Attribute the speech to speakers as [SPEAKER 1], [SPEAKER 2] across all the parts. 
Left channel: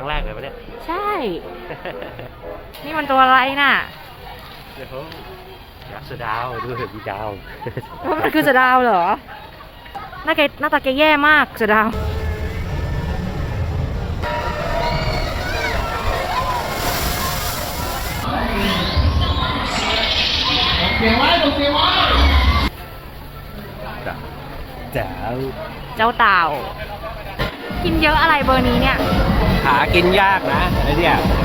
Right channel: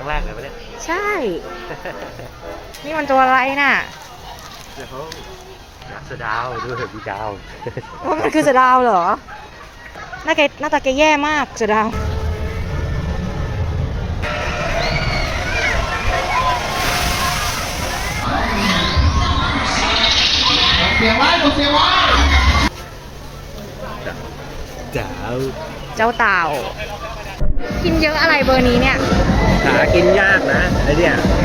[SPEAKER 1] รั้งแรกเลยปะเนี่ย
[SPEAKER 2] ใช่ นี่มันตัวอะไรน่ะ
[SPEAKER 1] เดี๋ยวอยากเสือดาวดูเถอะพี่ดาว
[SPEAKER 2] ว่ามันคือเสือดาวเหรอหน้าตาแกแย่มากเสือดาว
[SPEAKER 1] เสียไว้เสียไว้ดาว
[SPEAKER 2] เจ้าเต่า กินเยอะอะไรเบอร์นี้เนี่ย
[SPEAKER 1] หากินยากนะไอ้เนี่ย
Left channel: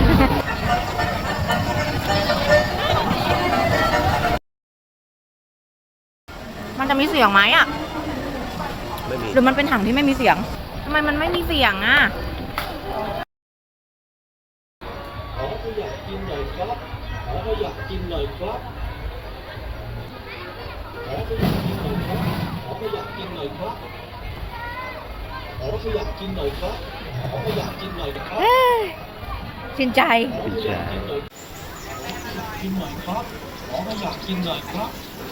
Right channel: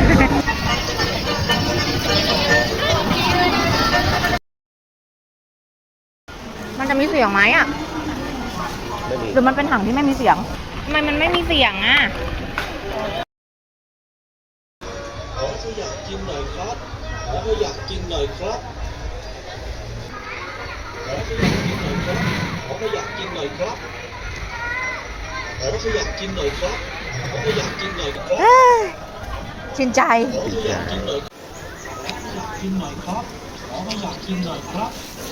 [SPEAKER 2] มันจะมีเสียงไหมอ่ะ
[SPEAKER 1] ไม่มี
[SPEAKER 2] หรือมันเป็นถังที่ไม่มีเสียงทำไมมันไม่มีเสียงอ่ะ
[SPEAKER 3] ขอขยับกินหน่อยครับขอขยับกินหน่อยครับขอขยับกินหน่อยครับขอขยับกินหน่อยครับขอขยับกินหน่อยครับขอขยับกินหน่อยครับ
[SPEAKER 2] ชื่นใจ
[SPEAKER 3] ขอขยับกินหน่อยกินหน่อยครับขอขยับกินหน่อยครับ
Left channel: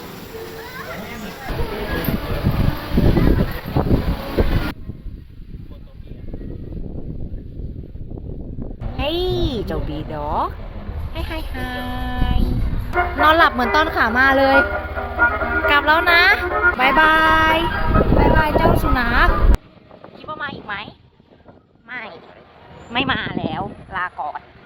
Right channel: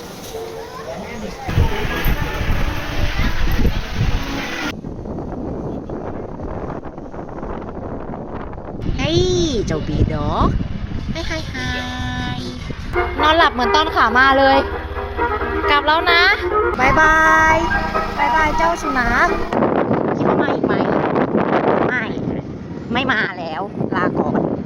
[SPEAKER 2] เฮ้ยเจ้าบีด็อกไฮไฮไฮนอนหลับเหมือนตอนขามาเลย กลับแล้วนะบายบายบายบายเจ้าสุนัขคิดว่ามาอีกไหมไม่มาแล้ว ลาก่อน